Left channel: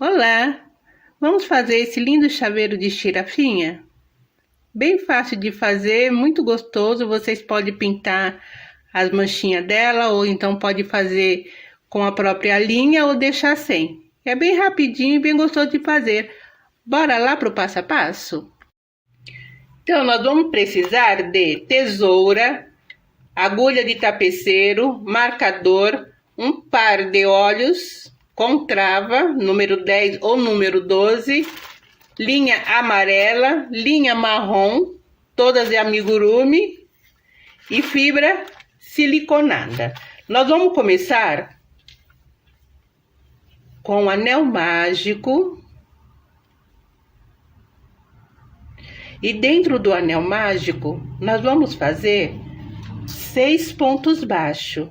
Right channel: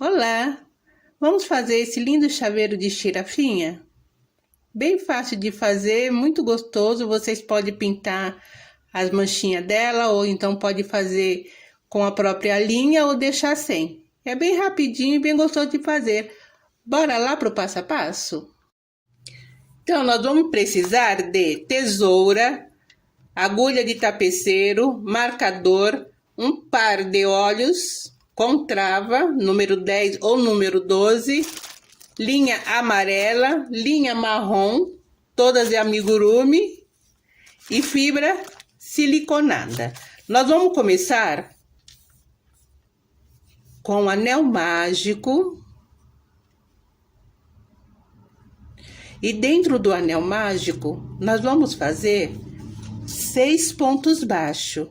Olá! Vamos fazer esse lindo chaveiro de girafinha? Bem fácil de fazer, muito gostoso. Vocês podem pintar as manchinhas dela ou então pode fazer com a própria linha ou deixar sem. É bem rapidinho e bem gostoso de fazer. Bora lá pro passo a passo? Então, nós vamos precisar de tesoura, agulha de tapeceiro, marcador, um par de olhos com trava, número 10 ou número 12, linha amarela, linha marrom, todas de amigurumi e fibra siliconada. Nós vamos começar com o anel mágico. E dentro do anel mágico, nós vamos fazer 6 pontos baixos.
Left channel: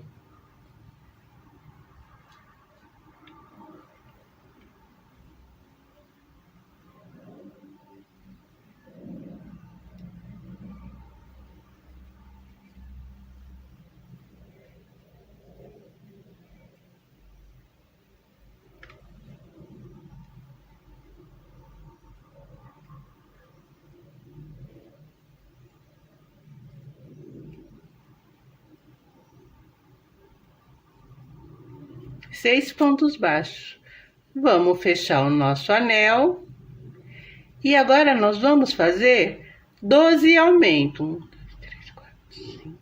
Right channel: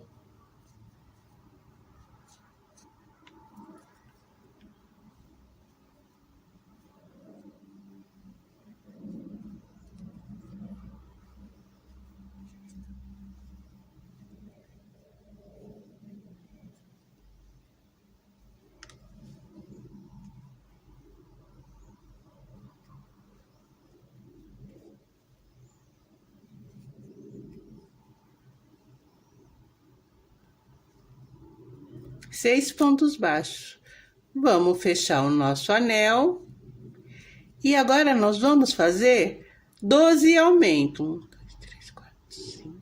Seis pontos baixos. Vamos fechar o nosso anel. E agora nós vamos fazer 12 aumentos. 1, 2, 3, 4, 5.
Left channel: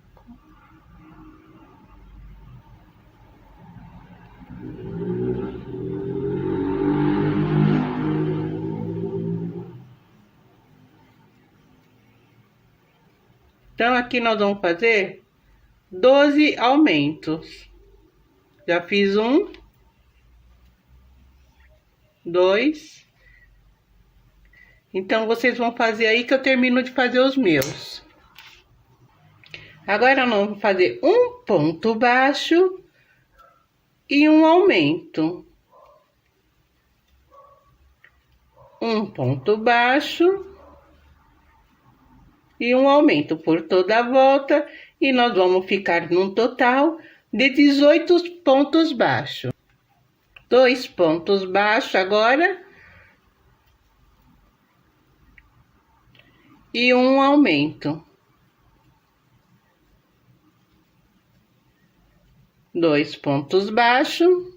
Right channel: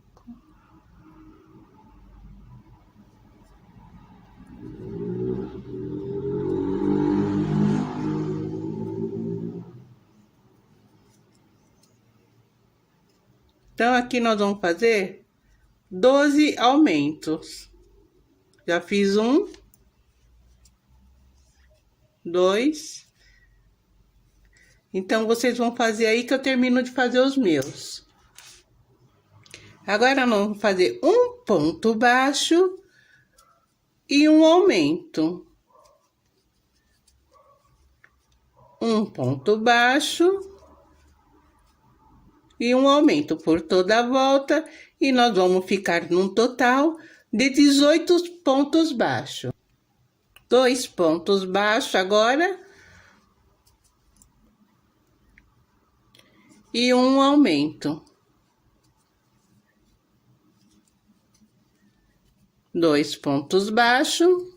Então, aqui nós vamos fazer 12 aumentos. Já fiz 1, 2. Então, vocês vão fazer aí que eu termino de fazer os meus. Agora, nós vamos fazer um ponto baixo e um aumento. Um ponto baixo e um aumento por toda a volta. E nós vamos ficar num total de 18 pontos baixos. 2 pontos baixos agora. E um aumento. 2 pontos baixos.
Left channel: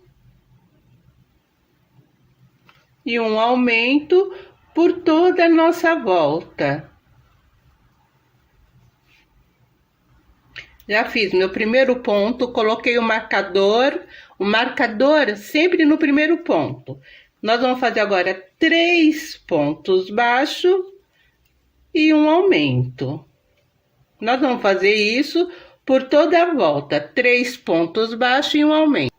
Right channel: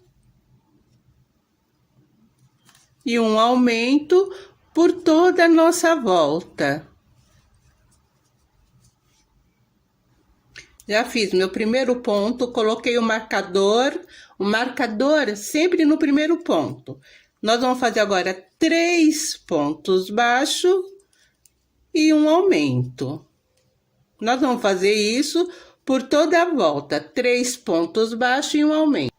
E um aumento por toda a nossa volta. Já fiz meu primeiro ponto, coloquei o marcador sempre no primeiro ponto. Nós vamos fazer agora 3 pontos baixos e um aumento. Nós vamos fazer isso por toda a volta, 3 pontos baixos e um aumento.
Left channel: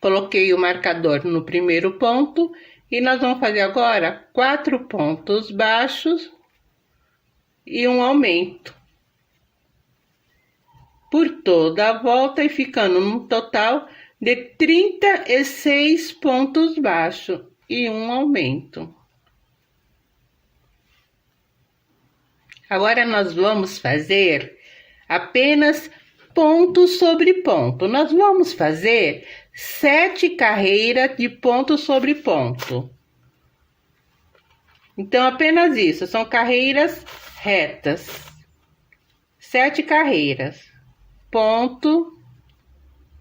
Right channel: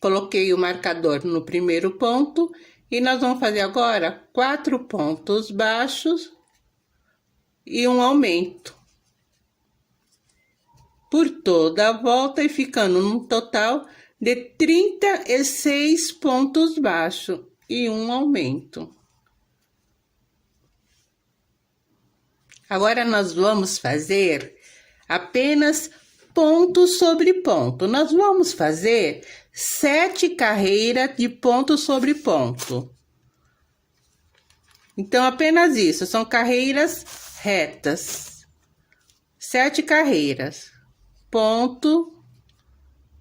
Coloquei o marcador no primeiro ponto e nós vamos fazer agora 4 pontos baixos e um aumento. Por toda a volta e ficando num total de 36 pontos baixos e um aumento. Agora nós vamos fazer apenas ponto sobre ponto. Nós vamos fazer 7 carreiras de ponto sobre ponto. Então, apenas isso, são carreiras retas. 7 carreiras. Ponto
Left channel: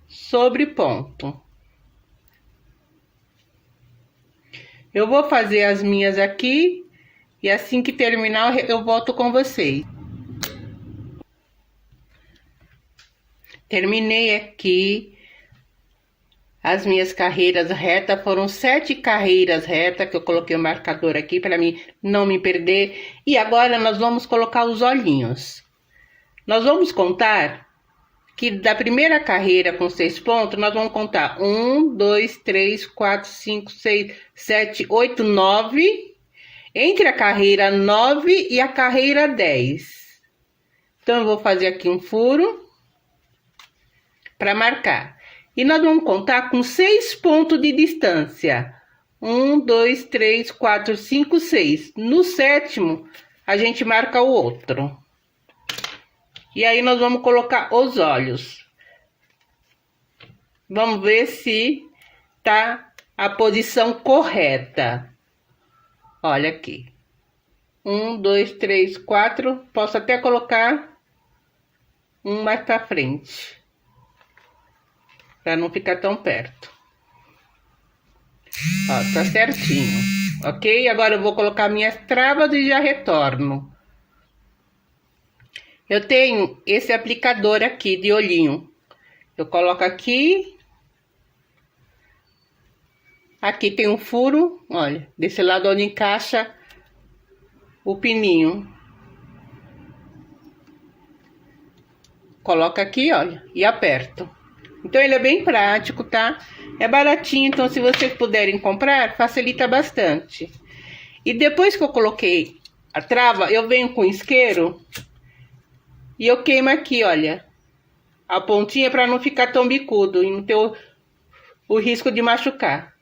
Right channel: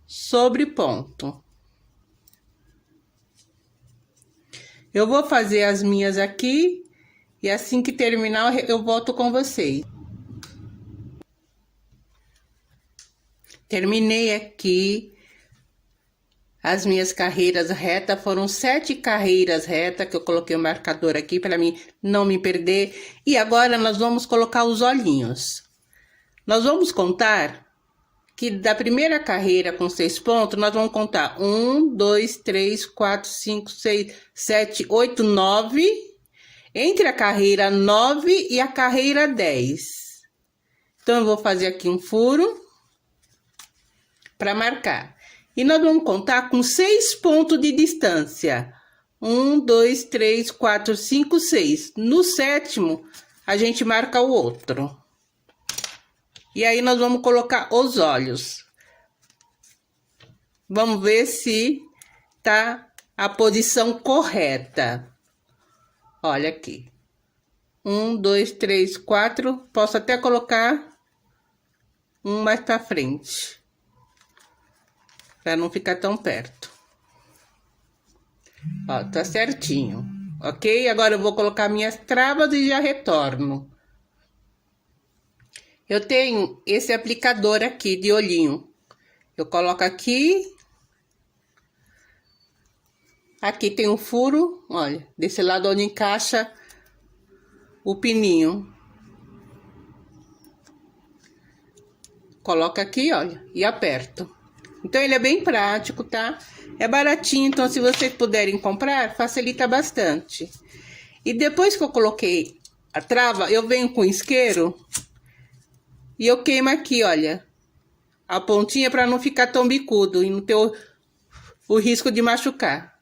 sobre ponto. Eu vou fazer as minhas aqui e assim que terminar eu volto com vocês. Terminei aqui as minhas carreiras retas, foram 7 carreiras retas que eu coloquei o marcador aqui para mim não me perder. E agora nós vamos colocar os olhinhos. Nós vamos contar que da primeira carreira com 6 pontos, nós vamos contar 1, 2, 3, 4, 5, 6, 7, 8, 9. Entre a carreira 9 e a carreira 10. Então, eu vou fazer aqui um furo para marcar. E nós vamos contar com 6 pontos de distância. 1, 2, 3, 4, 5, 6. No 7º, a gente marca o outro. E aí, nós vamos colocar os olhos. Vamos ver se tá a posição correta. Olha aqui. 1, 2, 3, 4. Posso até colocar um mais pra frente, para não ficar tão perto. Ó, tá certinho, ok? Agora eu vou colocar minhas travas e já retorno. Eu tenho esse aplicador aqui de olhinho. Eu coloco aqui. Aqui tem um furo, olha, desse lado onde encaixa o pininho. Coloca aqui, olha, e aperto. Então, ele é bem prático, tá? É baratinho, então se vocês puderem comprar, facilita bastante. E depois que eu coloquei a trava, eu venho com isqueiro e eu queimo aqui, olha, a pontinha para não ficar tão bicudo e não ter o risco de machucar.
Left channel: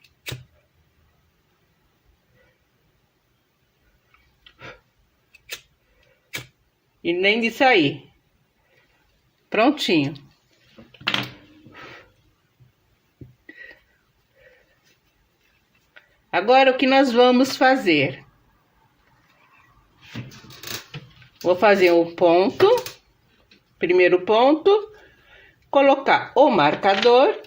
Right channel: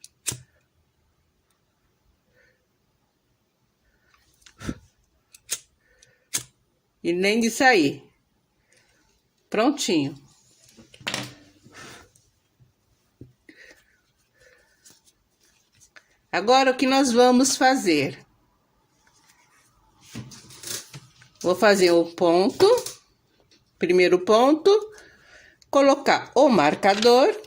E nem de sair. Prontinho. Agora, o que nós vamos fazer? Vou fazer o ponto, primeiro ponto, colocar o marcador.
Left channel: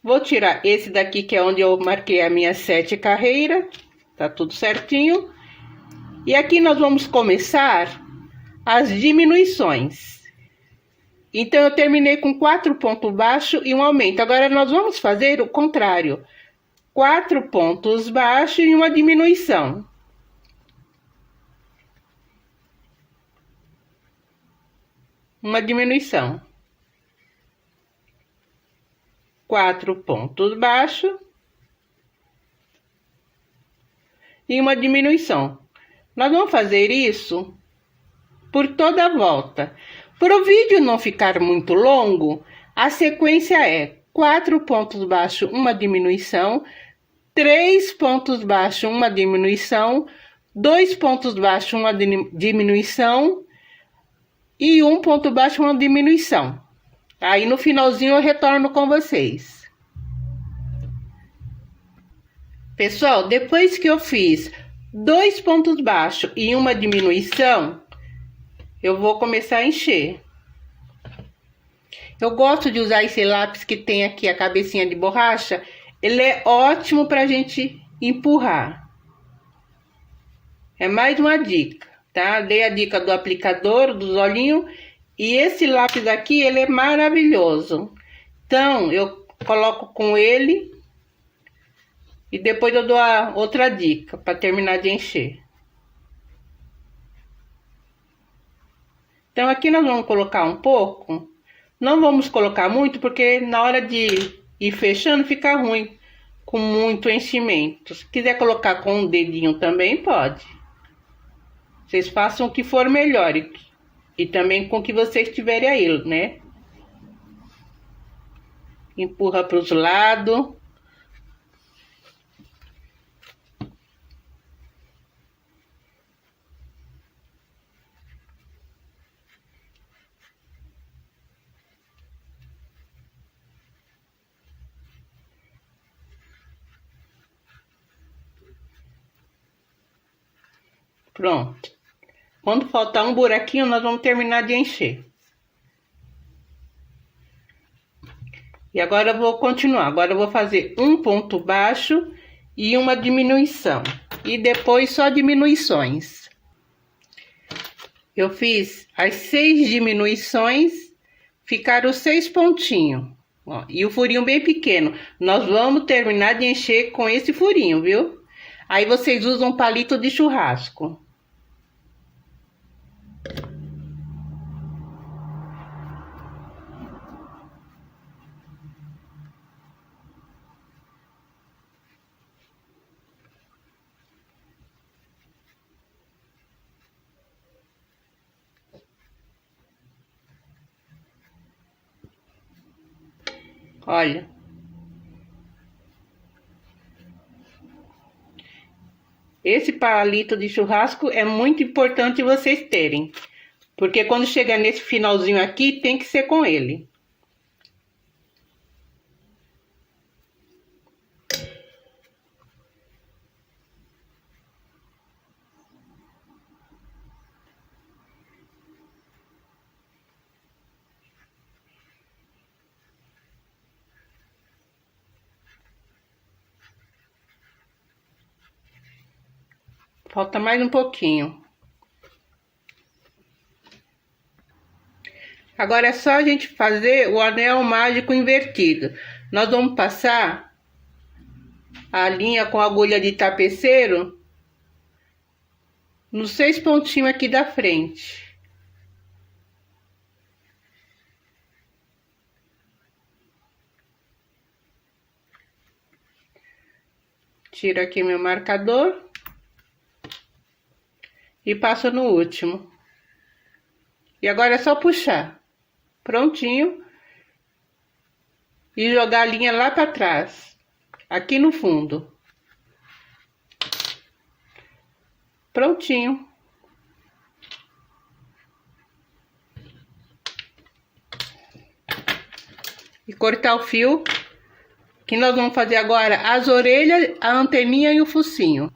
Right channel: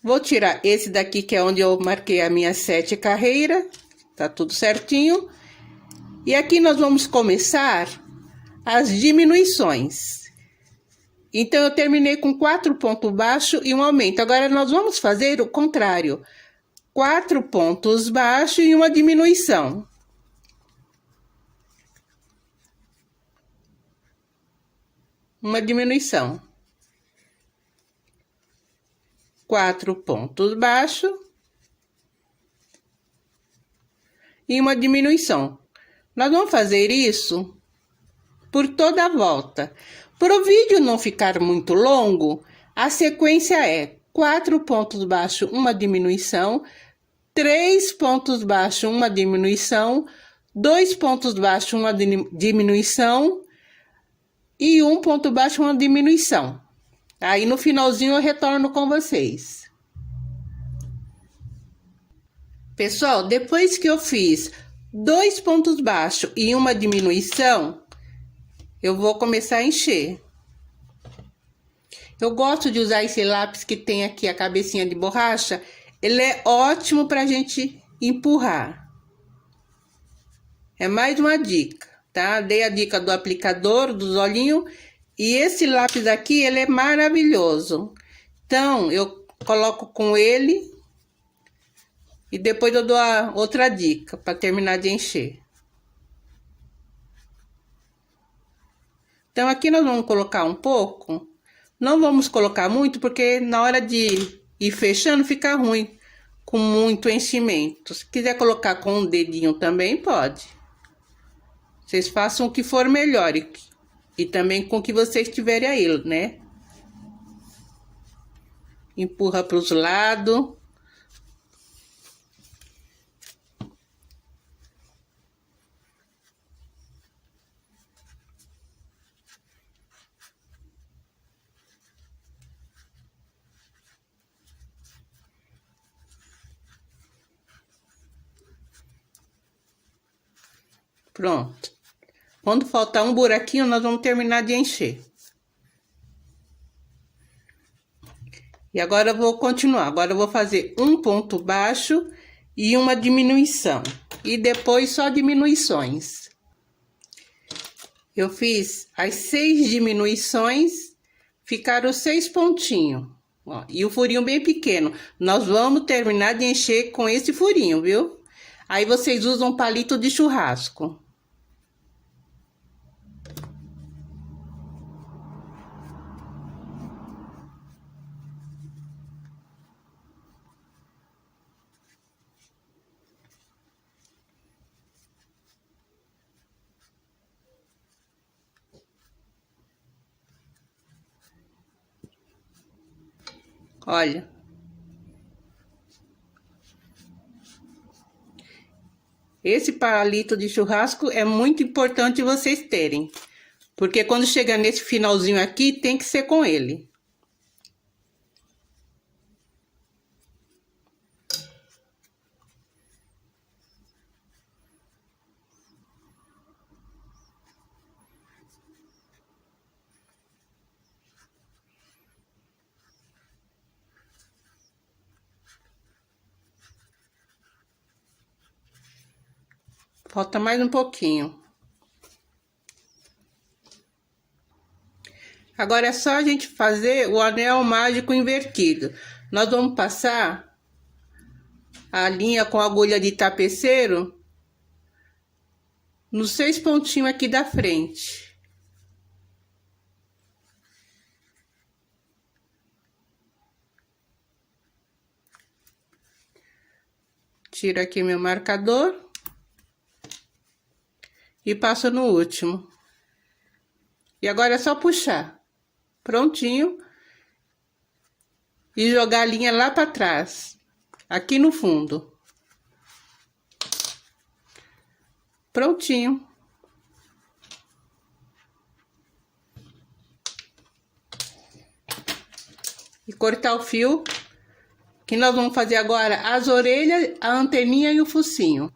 Vou tirar esse daqui, que é onde eu marquei a minha 7 carreira. Tá tudo certinho. E aqui nós vamos começar as diminuições. Então, eu terminei com 4 pontos baixos e um aumento. Agora, nós vamos fazer o contrário. 4 pontos baixos e uma diminuição. Uma diminuição. 4 pontos baixos. E uma diminuição. Nós vamos fazer isso por toda a volta. Para o vídeo não ficar muito longo, a sequência é 4 pontos baixos, uma diminuição, 3 pontos baixos, uma diminuição, 2 pontos baixos, uma diminuição e 1 ponto baixo, uma diminuição. Aí no finalzinho eu retorno com vocês. Pessoal, depois que eu fiz 2 pontos baixos e uma diminuição, eu vou começar a encher. Eu gosto de usar esse lápis que tem aqui a cabecinha de borracha. Ele é ótimo pra gente empurrar. É mais uma dica, tá? Dei a dica do aplicador, dos olhinhos. E esse lápis aqui, ele é maravilhoso. Então, eu coloco com ele. E depois eu dou a outra dica para terminar de encher. Então, aqui nós vamos colocar um pouco. Não vamos colocar muito, porque na hora de ir fechando fica ruim com muito enchimento. Se quiser colocar com um dedinho também, pode. Vocês façam o que for melhor. E também com o que vocês tiverem aí, né? Empurra para os lados. Pronto. Quando faltar um buraquinho, nós vamos terminar de encher. E agora eu vou continuar. Agora eu vou fazer um ponto baixo e uma diminuição. E depois só diminuições. Eu fiz as 6 diminuições, ficaram 6 pontinhos. Ó, e o furinho bem pequeno. Nós vamos terminar de encher com esse furinho, viu? Aí vocês usam um palito de churrasco. Olha. Esse palito de churrasco é muito importante vocês terem. Porque quando chegar nesse finalzinho aqui, tem que ser com ele. Falta mais um pouquinho. Agora é só a gente fazer o anel mágico invertido. Nós vamos passar a linha com agulha de tapeceiro nos 6 pontinhos aqui da frente. Tiro aqui meu marcador e passo no último. E agora é só puxar. Prontinho. E jogar a linha lá para trás, aqui no fundo. Prontinho. E cortar o fio, que nós vamos fazer agora as orelhas, a anteninha e o focinho.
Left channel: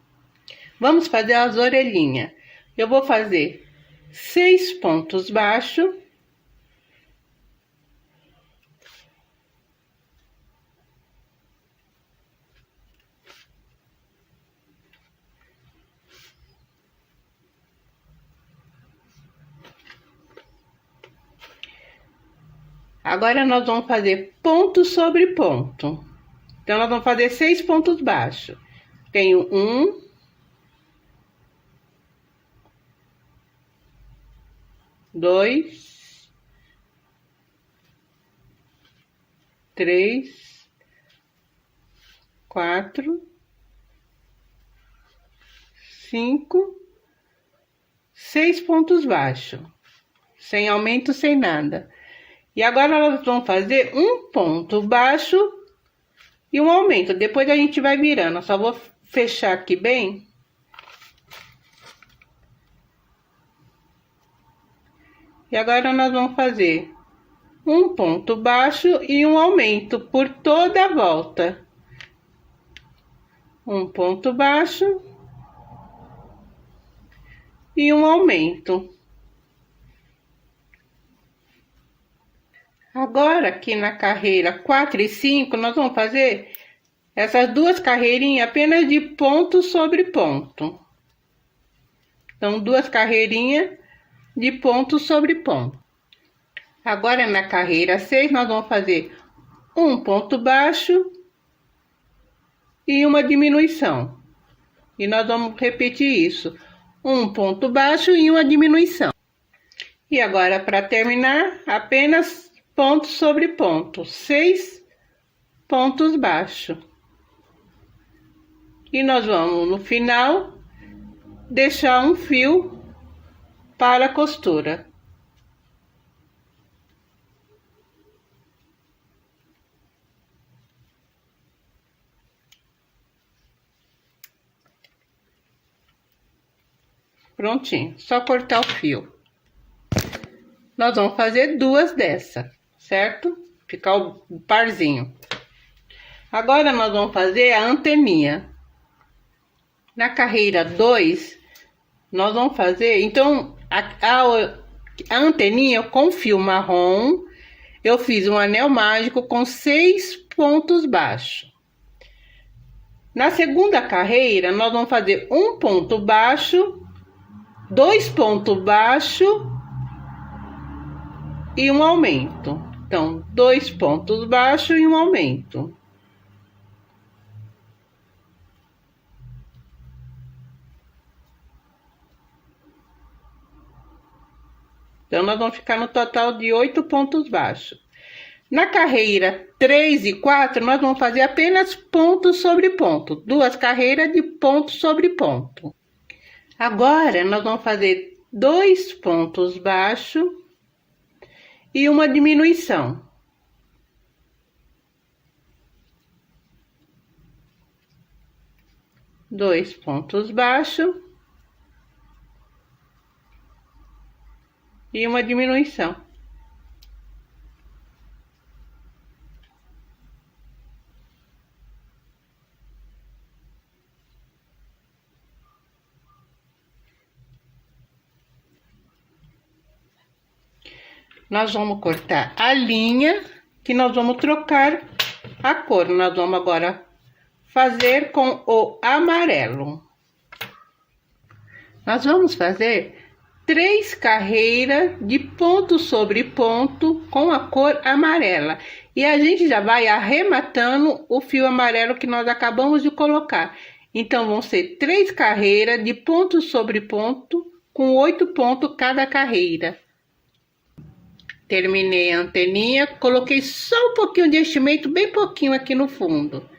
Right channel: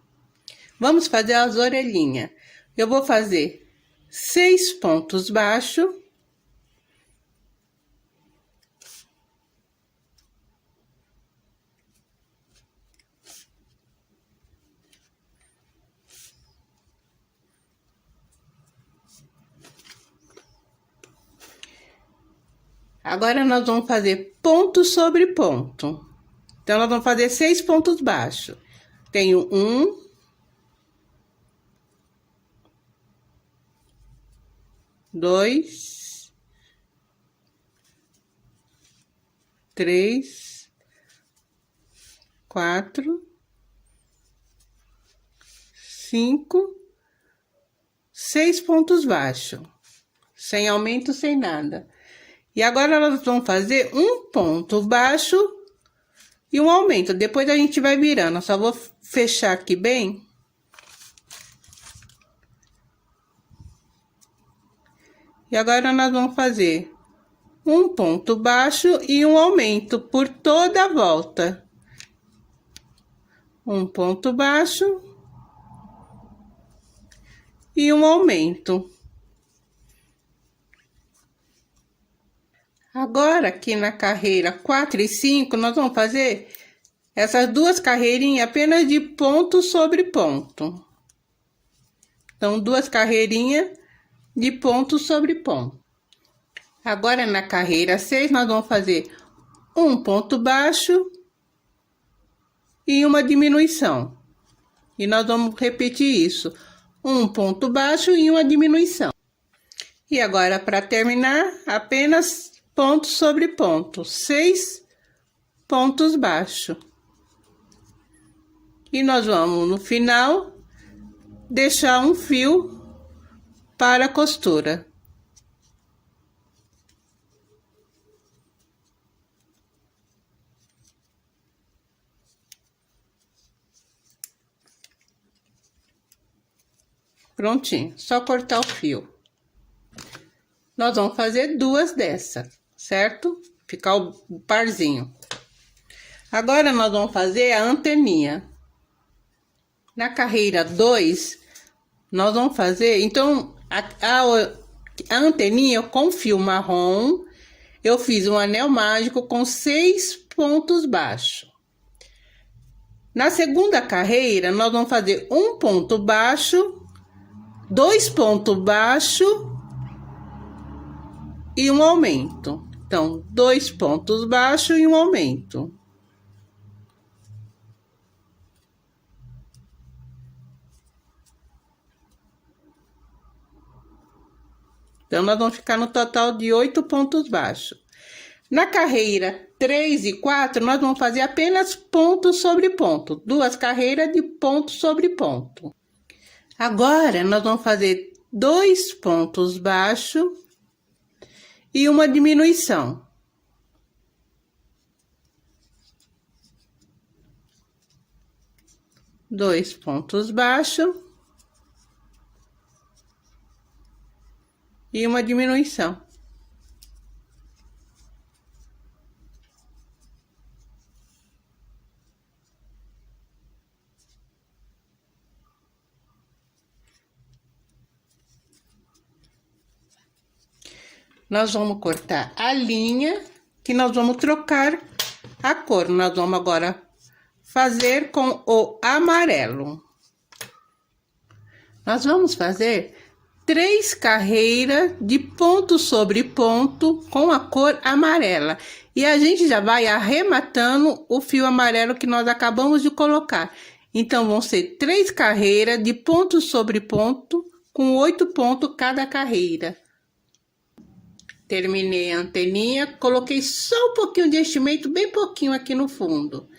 Vamos fazer as orelhinhas. Eu vou fazer 6 pontos baixos. Agora nós vamos fazer ponto sobre ponto. Então, nós vamos fazer 6 pontos baixos. Tenho 1, 2, 3, 4, 5, 6 pontos baixos. Sem aumento, sem nada. E agora nós vamos fazer um ponto baixo e um aumento. Depois a gente vai virando. Eu só vou fechar aqui bem. E agora nós vamos fazer um ponto baixo e um aumento por toda a volta. Um ponto baixo e um aumento. Agora, aqui na carreira 4 e 5, nós vamos fazer essas duas carreirinhas apenas de ponto sobre ponto. Então, 2 carreirinhas de ponto sobre ponto. Agora, na carreira 6, nós vamos fazer um ponto baixo e uma diminuição. E nós vamos repetir isso. Um ponto baixo e uma diminuição. E agora, para terminar, apenas ponto sobre ponto, 6 pontos baixos. E nós vamos, no final, deixar um fio para a costura. Prontinho, só cortar o fio. Nós vamos fazer 2 dessa, certo? Ficar o parzinho. Agora, nós vamos fazer a anteninha. Na carreira 2, nós vamos fazer... Então, a anteninha com fio marrom, eu fiz um anel mágico com 6 pontos baixos. Na segunda carreira, nós vamos fazer um ponto baixo, 2 pontos baixos e um aumento. Então, 2 pontos baixos e um aumento. Então, nós vamos ficar no total de 8 pontos baixos. Na carreira 3 e 4, nós vamos fazer apenas ponto sobre ponto. 2 carreiras de ponto sobre ponto. Agora, nós vamos fazer 2 pontos baixos e uma diminuição. Dois pontos baixos e uma diminuição. Nós vamos cortar a linha que nós vamos trocar a cor. Nós vamos agora fazer com o amarelo. Nós vamos fazer 3 carreiras de ponto sobre ponto com a cor amarela. E a gente já vai arrematando o fio amarelo que nós acabamos de colocar. Então, vão ser 3 carreiras de ponto sobre ponto com 8 pontos cada carreira. Terminei a anteninha, coloquei só um pouquinho de enchimento, bem pouquinho aqui no fundo.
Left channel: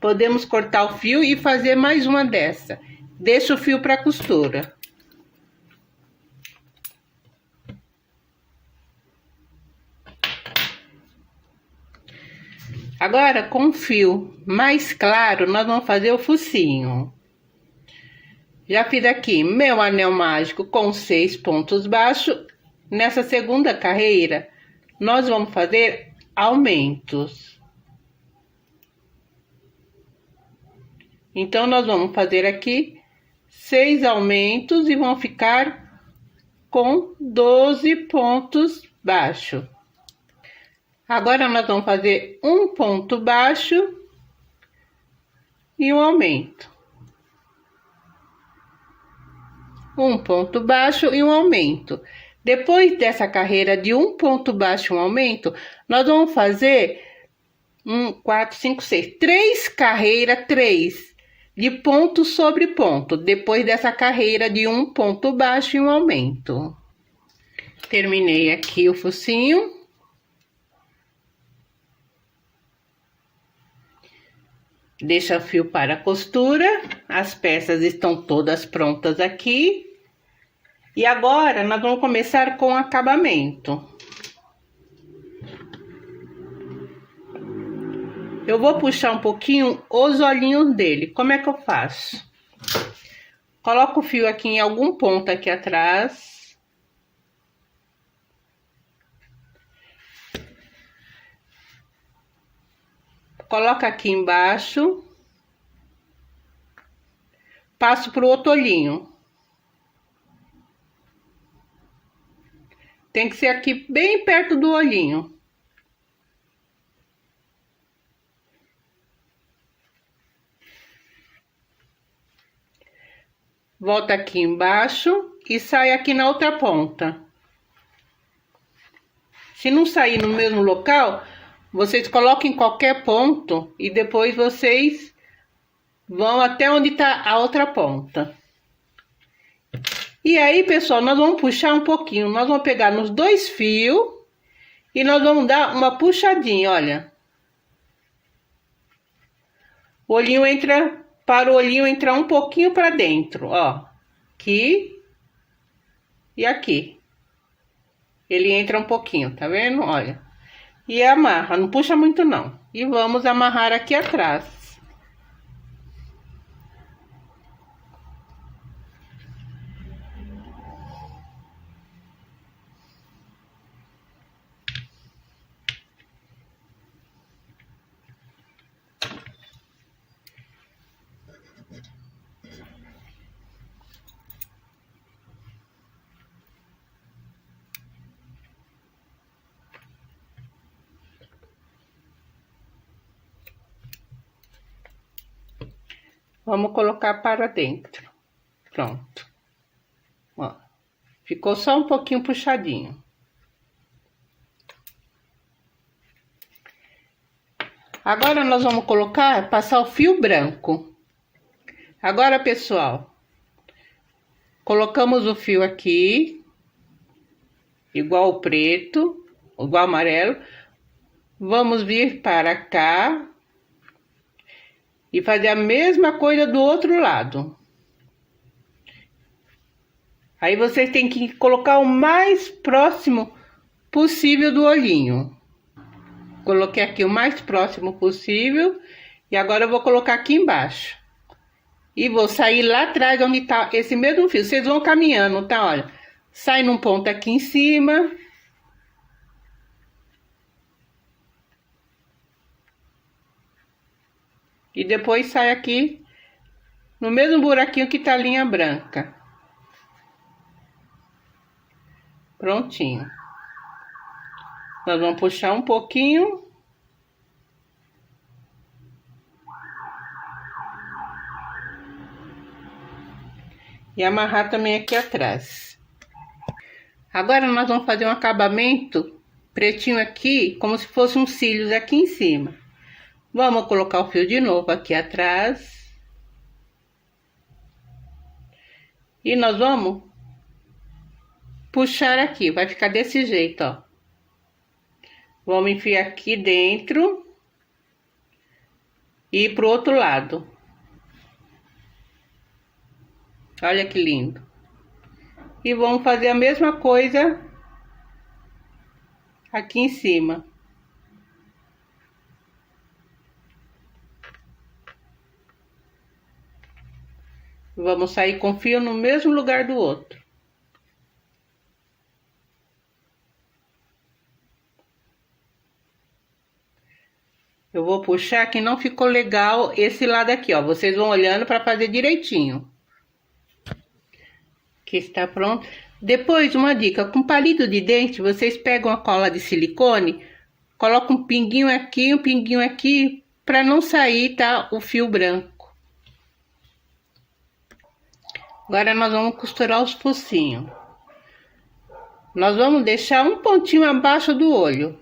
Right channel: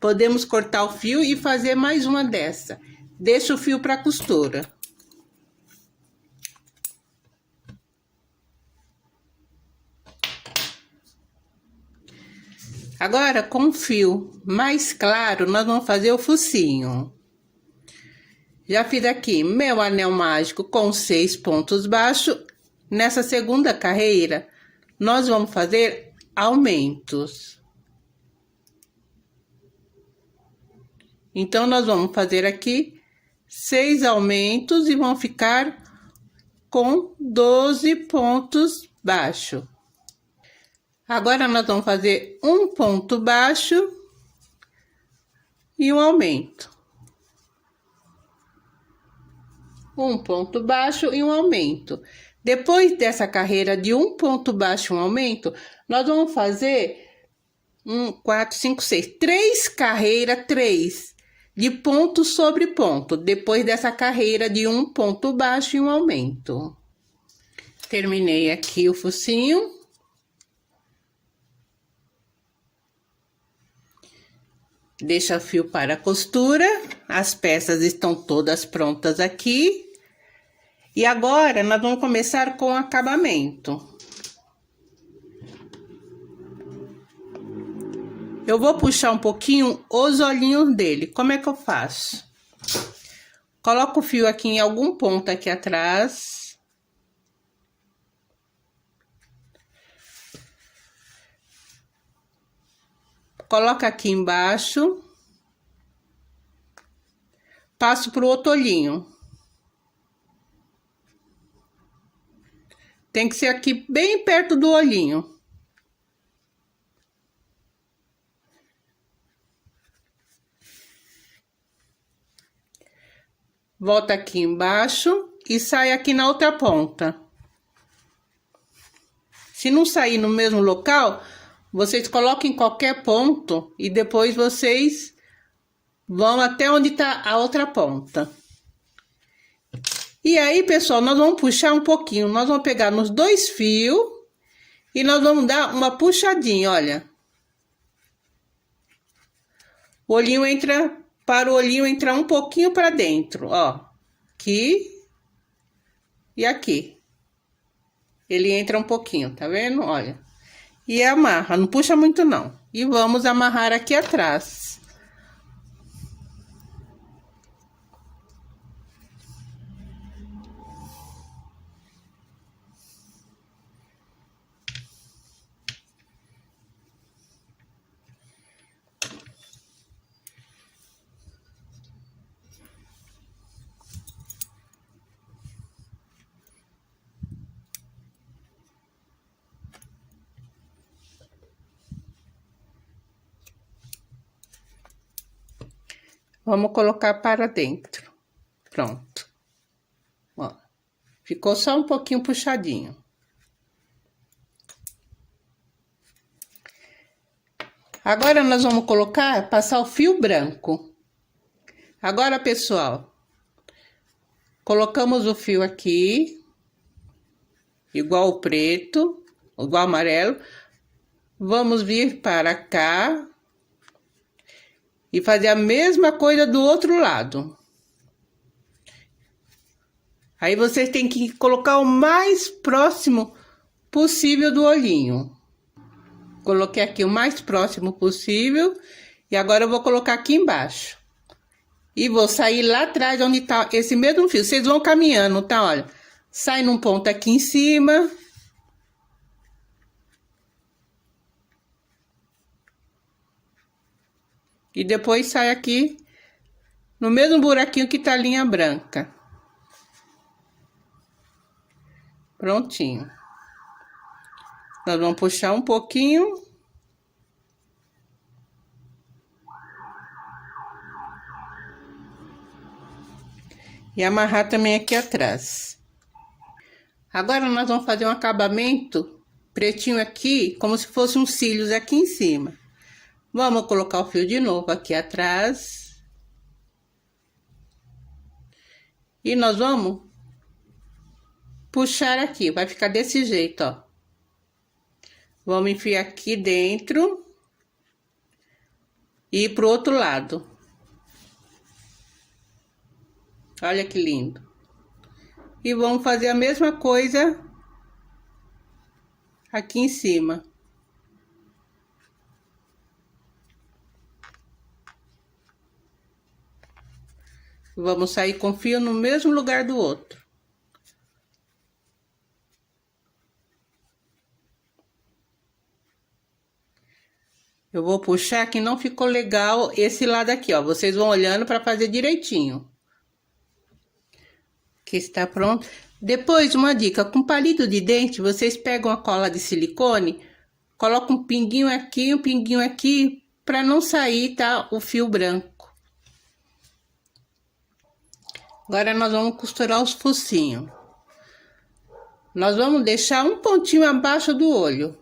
Podemos cortar o fio e fazer mais uma dessa. Deixa o fio para costura. Agora, com o fio mais claro, nós vamos fazer o focinho. Já fiz aqui meu anel mágico com 6 pontos baixos. Nessa segunda carreira, nós vamos fazer aumentos. Então, nós vamos fazer aqui 6 aumentos e vão ficar com 12 pontos baixos. Agora, nós vamos fazer um ponto baixo e um aumento. Um ponto baixo e um aumento. Depois dessa carreira de um ponto baixo e um aumento, nós vamos fazer 3 carreiras, 3 de ponto sobre ponto. Depois dessa carreira de um ponto baixo e um aumento. Terminei aqui o focinho. Deixa o fio para a costura. As peças estão todas prontas aqui. E agora, nós vamos começar com o acabamento. Eu vou puxar um pouquinho os olhinhos dele. Como é que eu faço? Coloco o fio aqui em algum ponto aqui atrás. Coloco aqui embaixo. Passo pro outro olhinho. Tem que ser aqui bem perto do olhinho. Volta aqui embaixo e sai aqui na outra ponta. Se não sair no mesmo local, vocês colocam em qualquer ponto e depois vocês vão até onde tá a outra ponta. E aí, pessoal, nós vamos puxar um pouquinho. Nós vamos pegar nos 2 fios e nós vamos dar uma puxadinha, olha. O olhinho entra, para o olhinho entrar um pouquinho para dentro, ó. Aqui e aqui. Ele entra um pouquinho, tá vendo? Olha. E amarra, não puxa muito não. E vamos amarrar aqui atrás. Vamos colocar para dentro. Pronto. Ó, ficou só um pouquinho puxadinho. Agora, nós vamos passar o fio branco. Agora, pessoal, colocamos o fio aqui, igual o preto, igual o amarelo. Vamos vir para cá e fazer a mesma coisa do outro lado. Aí, vocês têm que colocar o mais próximo possível do olhinho. Coloquei aqui o mais próximo possível. E agora eu vou colocar aqui embaixo. E vou sair lá atrás onde tá esse mesmo fio. Vocês vão caminhando, tá? Olha. Sai num ponto aqui em cima. E depois sai aqui no mesmo buraquinho que tá a linha branca. Prontinho. Nós vamos puxar um pouquinho. e amarrar também aqui atrás. Agora nós vamos fazer um acabamento pretinho aqui, como se fosse uns cílios aqui em cima. Vamos colocar o fio de novo aqui atrás. E nós vamos puxar aqui, vai ficar desse jeito, ó. Vamos enfiar aqui dentro e ir pro outro lado. Olha que lindo. E vamos fazer a mesma coisa aqui em cima. Vamos sair com o fio no mesmo lugar do outro. Eu vou puxar que não ficou legal esse lado aqui, ó. Vocês vão olhando para fazer direitinho. Aqui está pronto. Depois, uma dica, com palito de dente, vocês pegam a cola de silicone, colocam um pinguinho aqui, para não sair, tá, o fio branco. Agora, nós vamos costurar os focinhos. Nós vamos deixar um pontinho abaixo do olho.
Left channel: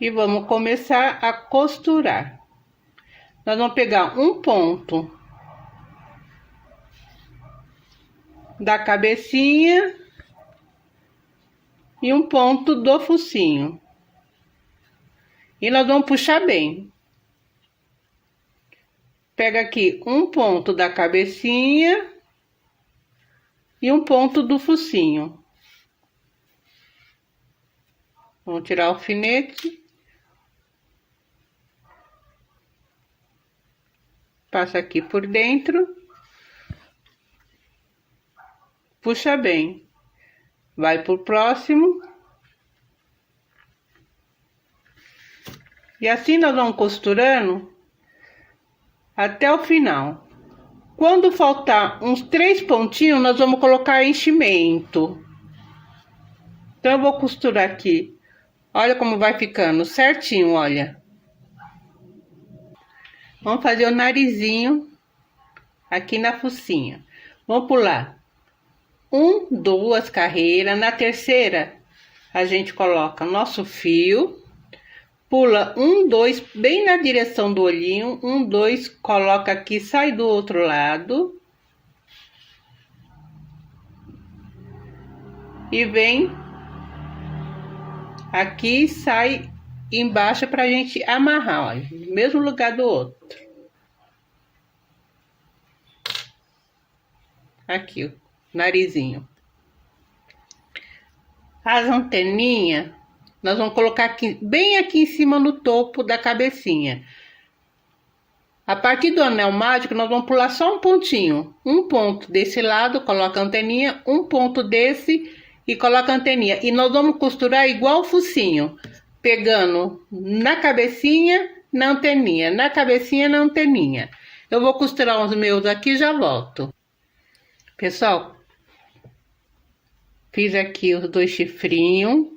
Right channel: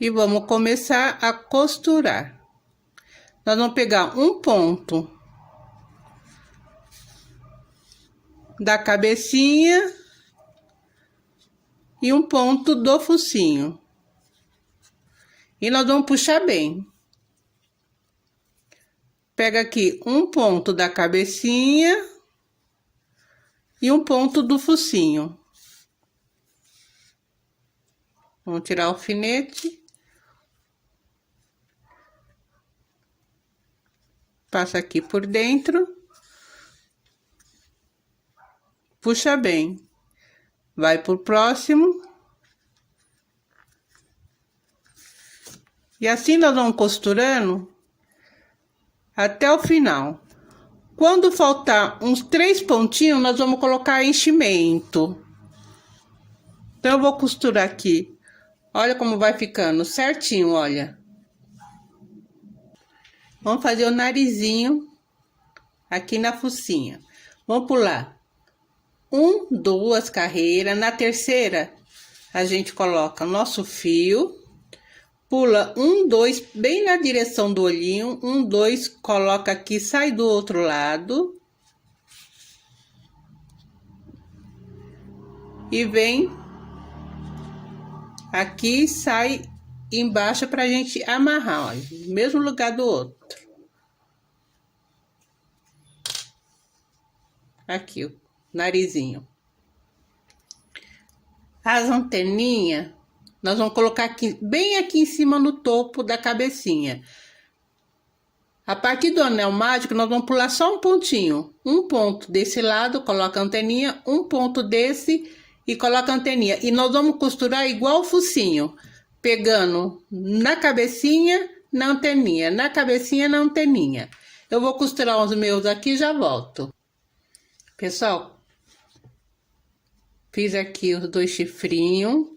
E vamos começar a costurar. Nós vamos pegar um ponto da cabecinha e um ponto do focinho. E nós vamos puxar bem. Pega aqui um ponto da cabecinha e um ponto do focinho. Vamos tirar o alfinete. Passa aqui por dentro. Puxa bem. Vai pro próximo. E assim nós vamos costurando até o final. Quando faltar uns 3 pontinhos, nós vamos colocar enchimento. Então, eu vou costurar aqui. Olha como vai ficando certinho, olha. Vamos fazer o narizinho aqui na focinha. Vamos pular 1, 2 carreiras. Na terceira, a gente coloca nosso fio. Pula 1, 2, bem na direção do olhinho. 1, 2, coloca aqui, sai do outro lado. E vem aqui, sai embaixo pra gente amarrar, olha, no mesmo lugar do outro. Aqui, o narizinho. As anteninhas, nós vamos colocar aqui, bem aqui em cima no topo da cabecinha. A partir do anel mágico, nós vamos pular só um pontinho. Um ponto desse lado, coloca a anteninha, um ponto desse e coloca a anteninha. E nós vamos costurar igual o focinho, pegando na cabecinha, na anteninha, na cabecinha, na anteninha. Eu vou costurar os meus aqui e já volto. Pessoal, fiz aqui os 2 chifrinhos.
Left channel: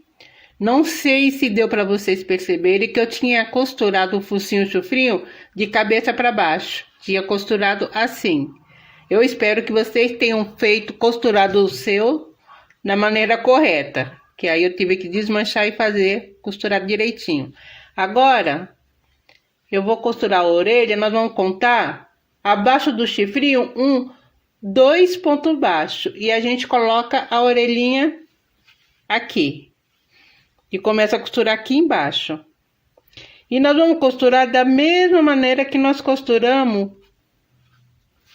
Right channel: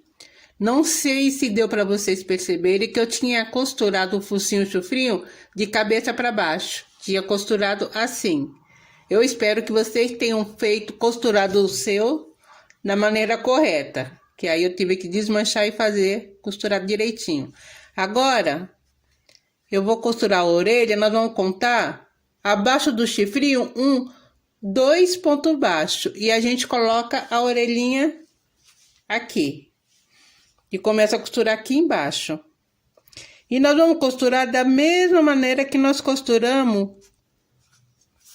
Não sei se deu para vocês perceberem que eu tinha costurado o focinho e o chifrinho de cabeça para baixo. Tinha costurado assim. Eu espero que vocês tenham costurado o seu na maneira correta. Que aí eu tive que desmanchar e fazer costurar direitinho. Agora, eu vou costurar a orelha, nós vamos contar abaixo do chifrinho 2 pontos baixos. E a gente coloca a orelhinha aqui. E começa a costurar aqui embaixo. E nós vamos costurar da mesma maneira que nós costuramos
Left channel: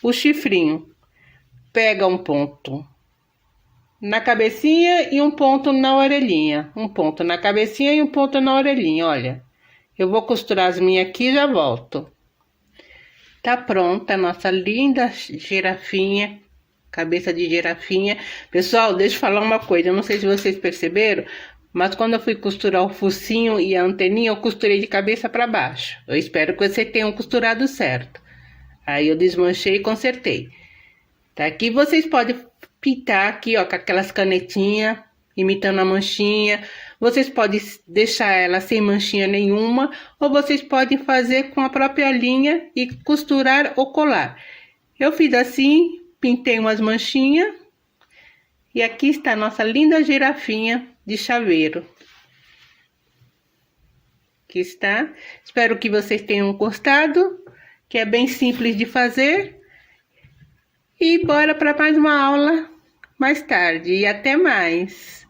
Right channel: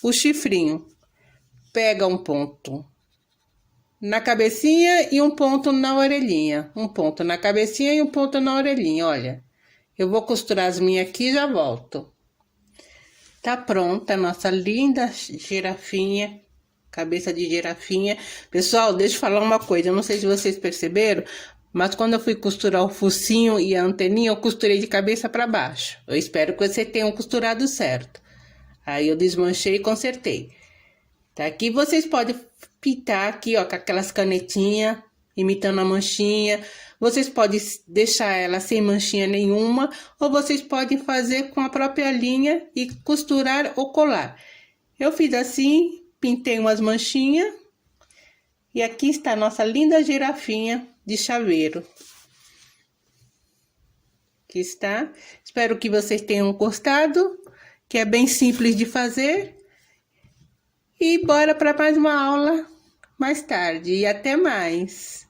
o chifrinho. Pega um ponto na cabecinha e um ponto na orelhinha. Um ponto na cabecinha e um ponto na orelhinha, olha. Eu vou costurar as minhas aqui e já volto. Tá pronta a nossa linda girafinha, cabeça de girafinha. Pessoal, deixa eu falar uma coisa, eu não sei se vocês perceberam, mas quando eu fui costurar o focinho e a anteninha, eu costurei de cabeça para baixo. Eu espero que vocês tenham costurado certo. Aí eu desmanchei e consertei. Tá aqui, vocês podem pintar aqui, ó, com aquelas canetinhas, imitando a manchinha. Vocês podem deixar ela sem manchinha nenhuma, ou vocês podem fazer com a própria linha e costurar ou colar. Eu fiz assim, pintei umas manchinhas. E aqui está a nossa linda girafinha de chaveiro. Aqui está. Espero que vocês tenham gostado, que é bem simples de fazer. E bora para mais uma aula mais tarde. E até mais!